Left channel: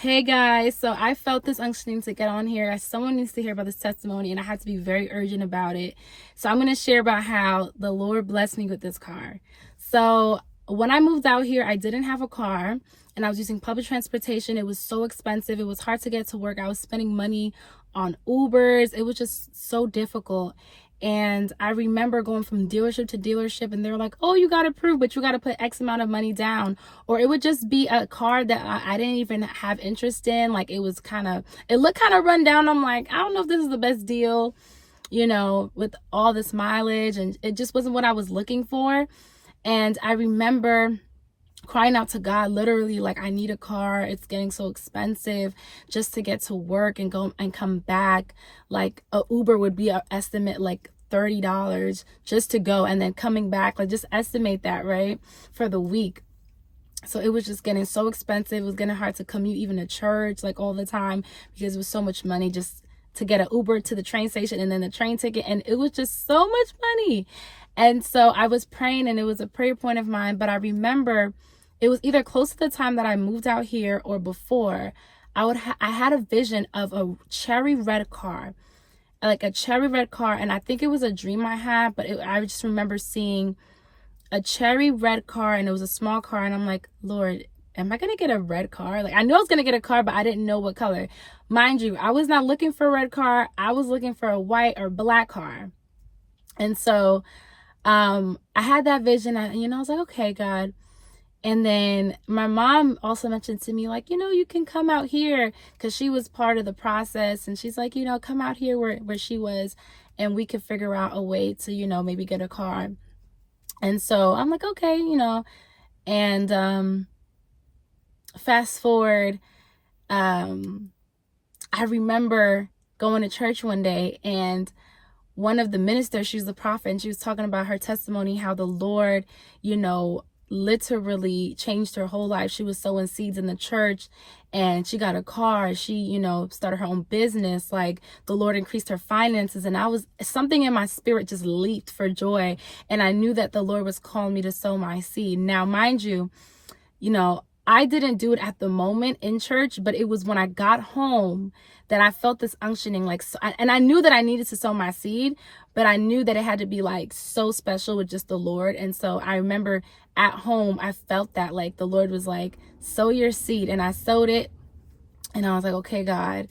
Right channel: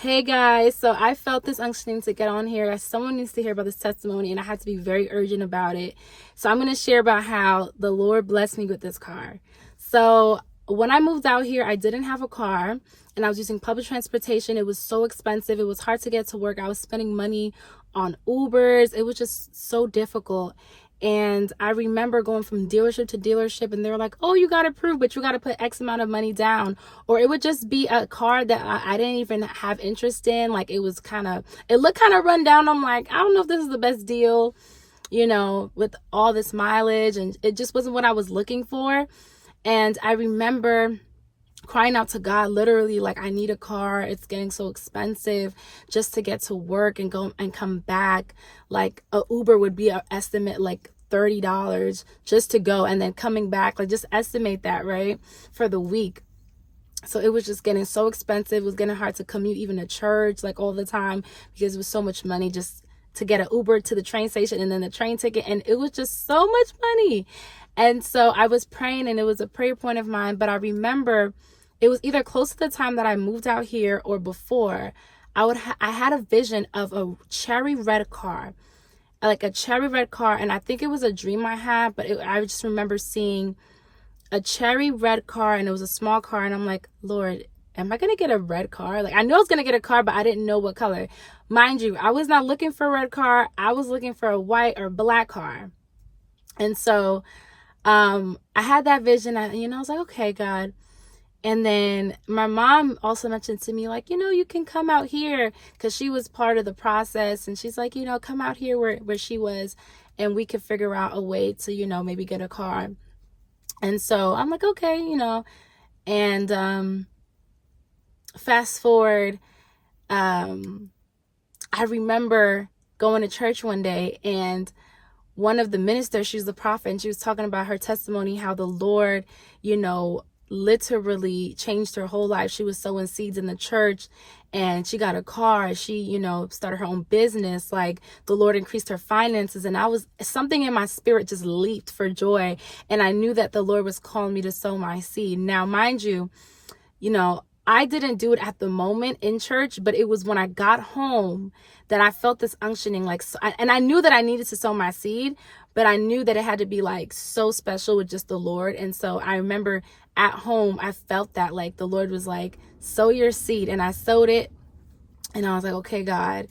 Hey guys, so I felt this unctioning to get on here as someone needs to hear about this testimony, and I had to be very urgent about it. So I'm going to share about how the Lord blessed me with this car. So when I moved out here, I didn't have a car and I was using public transportation. It was so expensive. It was hard to get to work. I was spending money on Ubers. It was just so difficult. And I remember going from dealership to dealership, and they were like, oh, you got approved, but you got to put X amount of money down. Or it would just be a car that I didn't even have interest in. Like, it looked kind of run down. I'm like, I don't know if this is the best deal, with all this mileage. And it just wasn't what I was looking for. And I remember crying out to God, literally, like, I need a car. It's getting so expensive just to get to work and go and come back. Like, a Uber would be an estimate like $30 just to go, and then coming back, like, just estimate that, right, for the week. So it was just getting so expensive. It was getting hard to commute even to church, like, all the time, because it was so much money just to get an Uber to the train station and then the train ticket. And it was just so much money. And so I was praying, and it was a prayer point of mine. But I remember it was either close to the time that I moved out here or before. I had a vision of a cherry red car, like a cherry red car. And I think it was a dream I had, but I just remember seeing a cherry red car, and it was a small car. And I'm like, Lord, am I going to get a red car? Like, I know I was going to get a car, but I didn't know what color. Mind you, I was not looking for a red car. I was looking for a white or black car. And so I had that vision. I was like, okay, God. And then my mom also mentioned to me, like, you can come out here, because she was part of the process. And she's like, come out here where she was, and we could figure out a way to, maybe get a car. And so I'm like, okay, and fast forward, I remember going to church one day, and one of the ministers, she was the prophet, and she was talking about her testimony, how the Lord, literally changed her whole life. She was sowing seeds in the church, and she got a car. She, started her own business. Like, the Lord increased her finances, and something in my spirit just leaped for joy. And I knew that the Lord was calling me to sow my seed. Now, mind you, I didn't do it at the moment in church, but it was when I got home that I felt this unctioning, and I knew that I needed to sow my seed, but I knew that it had to be like so special with just the Lord. And so I remember at home, I felt that, like, the Lord was like, sow your seed. And I sowed it, and I was like, okay, God,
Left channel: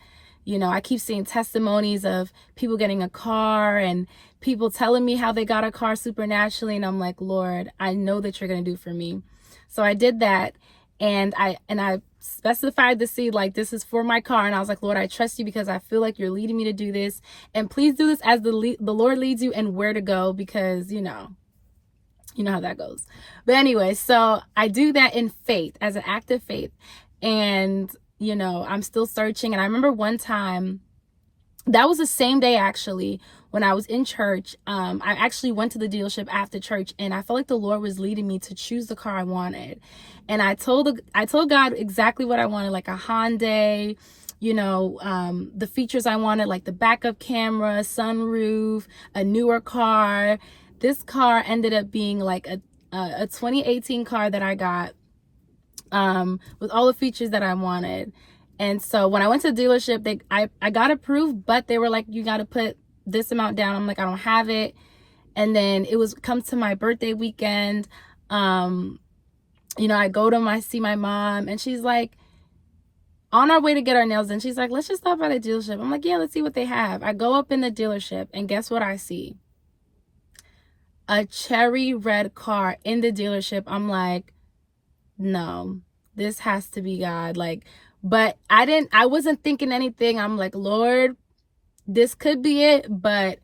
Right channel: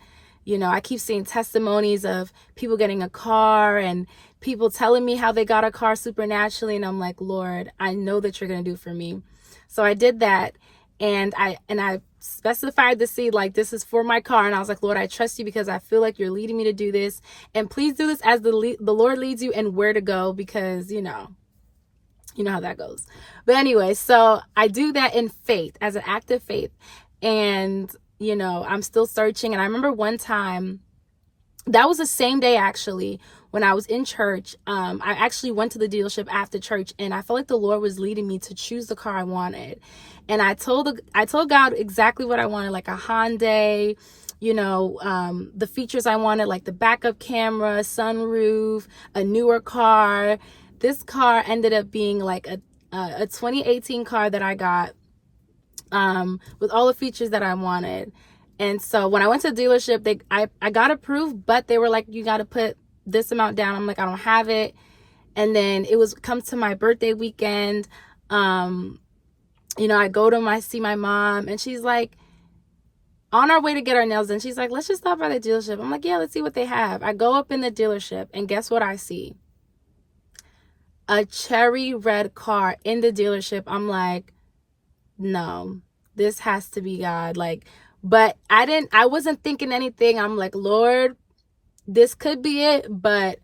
I keep seeing testimonies of people getting a car and people telling me how they got a car supernaturally. And I'm like, Lord, I know that you're going to do for me. So I did that. And I specified the seed, like, this is for my car. And I was like, Lord, I trust you, because I feel like you're leading me to do this. And please do this as the Lord leads you and where to go, because, you know how that goes. But anyway, so I do that in faith, as an act of faith. And, I'm still searching. And I remember one time, that was the same day, actually, when I was in church. I actually went to the dealership after church, and I felt like the Lord was leading me to choose the car I wanted. And I told God exactly what I wanted, like a Hyundai, the features I wanted, like the backup camera, sunroof, a newer car. This car ended up being like a 2018 car that I got, with all the features that I wanted. And so when I went to the dealership, I got approved, but they were like, you got to put this amount down. I'm like, I don't have it. And then comes to my birthday weekend. I go to see my mom, and she's like, on our way to get our nails done, she's like, let's just stop by the dealership. I'm like, yeah, let's see what they have. I go up in the dealership, and guess what I see? A cherry red car in the dealership. I'm like, no, this has to be God. Like, but I wasn't thinking anything. I'm like, Lord, this could be it. But,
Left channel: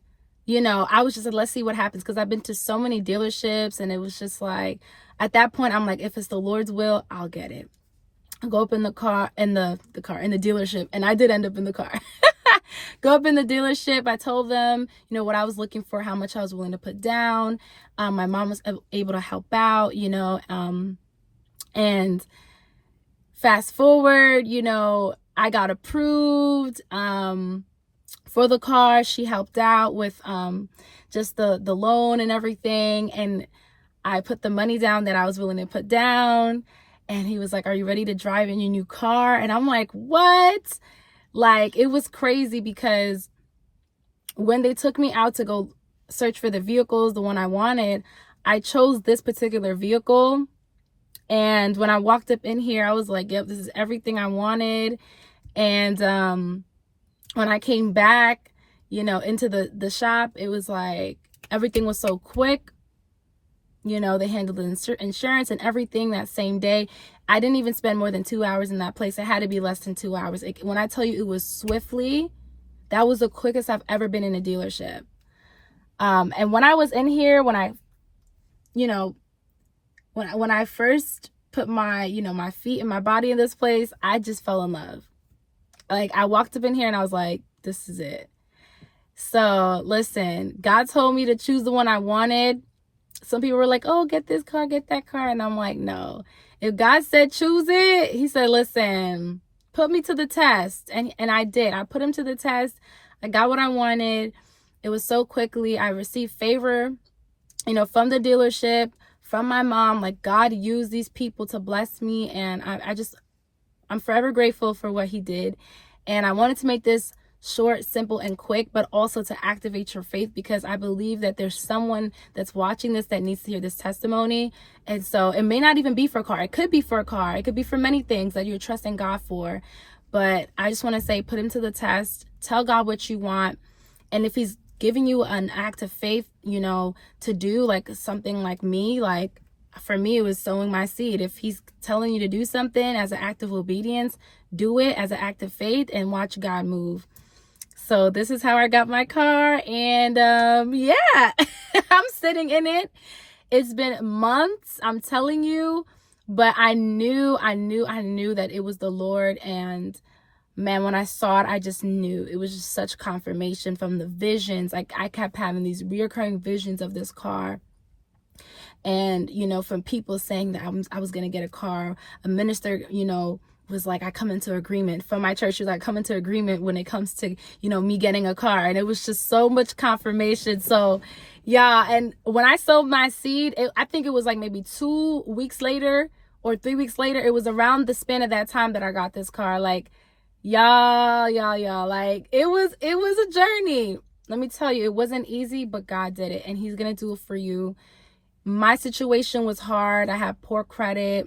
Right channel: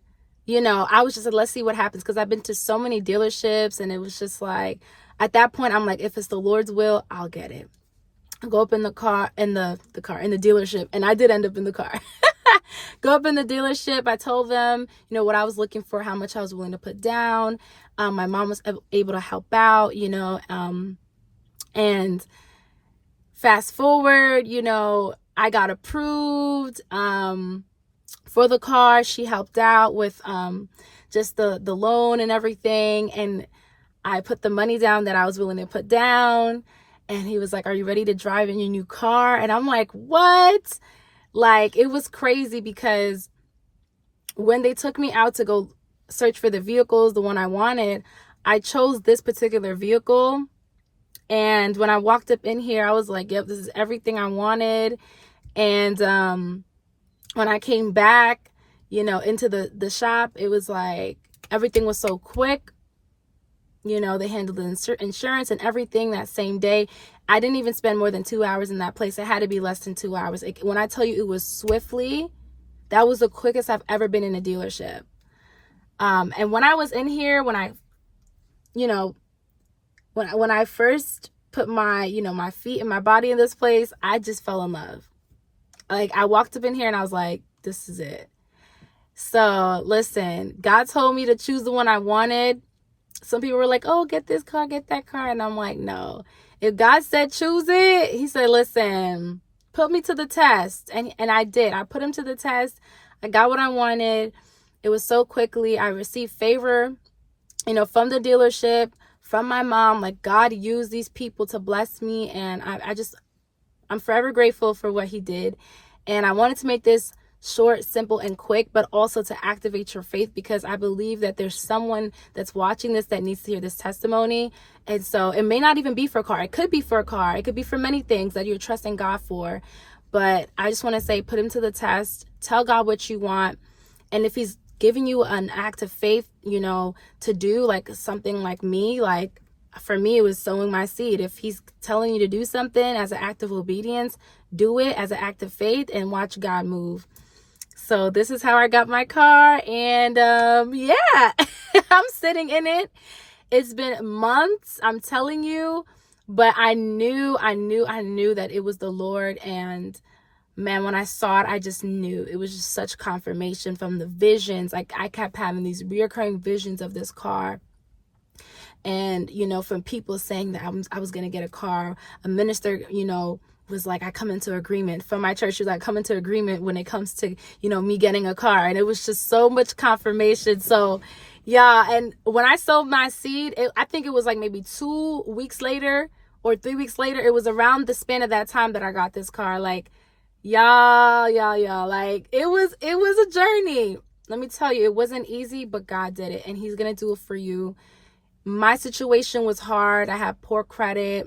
I was just like, let's see what happens. Because I've been to so many dealerships, and it was just like, at that point, I'm like, if it's the Lord's will, I'll get it. I go up in the car, in the dealership. And I did end up in the car. Go up in the dealership. I told them, what I was looking for, how much I was willing to put down. My mom was able to help out, and fast forward, I got approved for the car. She helped out with just the loan and everything. And I put the money down that I was willing to put down. And he was like, are you ready to drive in your new car? And I'm like, what? Like, it was crazy because when they took me out to go search for the vehicles, the one I wanted, I chose this particular vehicle. And when I walked up in here, I was like, yep, this is everything I wanted. And when I came back, into the shop, it was like everything was so quick. They handled the insurance and everything that same day. I didn't even spend more than 2 hours in that place. It had to be less than 2 hours. When I tell you it was swiftly, that was the quickest I've ever been in a dealership. And when I was in here, when I first put my, my feet and my body in this place, I just fell in love. Like, I walked up in here and I was like, this is it. So listen, God told me to choose the one I wanted. Some people were like, oh, get this car, get that car. And I'm like, no. If God said choose it, he said, listen, put me to the test. And I did. I put him to the test. I got what I wanted. It was so quickly. I received favor, from the dealership, from my mom. Like, God used these people to bless me. And I'm forever grateful for what he did. And I wanted to make this short, simple, and quick, but also to activate your faith, because I believe that there's someone that's watching this that needs to hear this testimony. And so it may not even be for a car. It could be for a car. It could be for many things that you're trusting God for. But I just want to say, put him to the test. Tell God what you want. And if he's giving you an act of faith, to do like something like me, like for me, it was sowing my seed. If he's telling you to do something as an act of obedience, do it as an act of faith and watch God move. So this is how I got my car. And yeah, I'm sitting in it. It's been months, I'm telling you, but I knew that it was the Lord. And man, when I saw it, I just knew. It was just such confirmation from the visions. Like, I kept having these reoccurring visions of this car. And, from people saying that I was going to get a car. A minister, was like, I come into agreement. From my church, she was like, come into agreement when it comes to, me getting a car. And it was just so much confirmation. So, yeah. And when I sowed my seed, I think it was like maybe 2 weeks later or 3 weeks later. It was around the span of that time that I got this car. Like, y'all, like, it was a journey. Let me tell you, it wasn't easy, but God did it. And he's going to do it for you. My situation was hard. I had poor credit.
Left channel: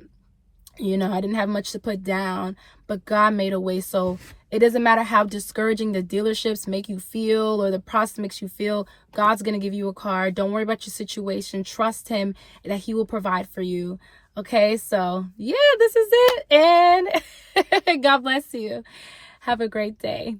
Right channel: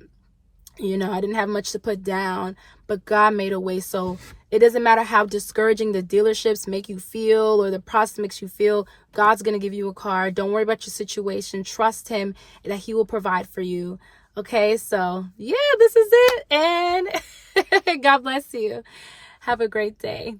I didn't have much to put down, but God made a way. So it doesn't matter how discouraging the dealerships make you feel or the process makes you feel. God's going to give you a car. Don't worry about your situation. Trust him that he will provide for you. Okay, so yeah, this is it. And God bless you. Have a great day.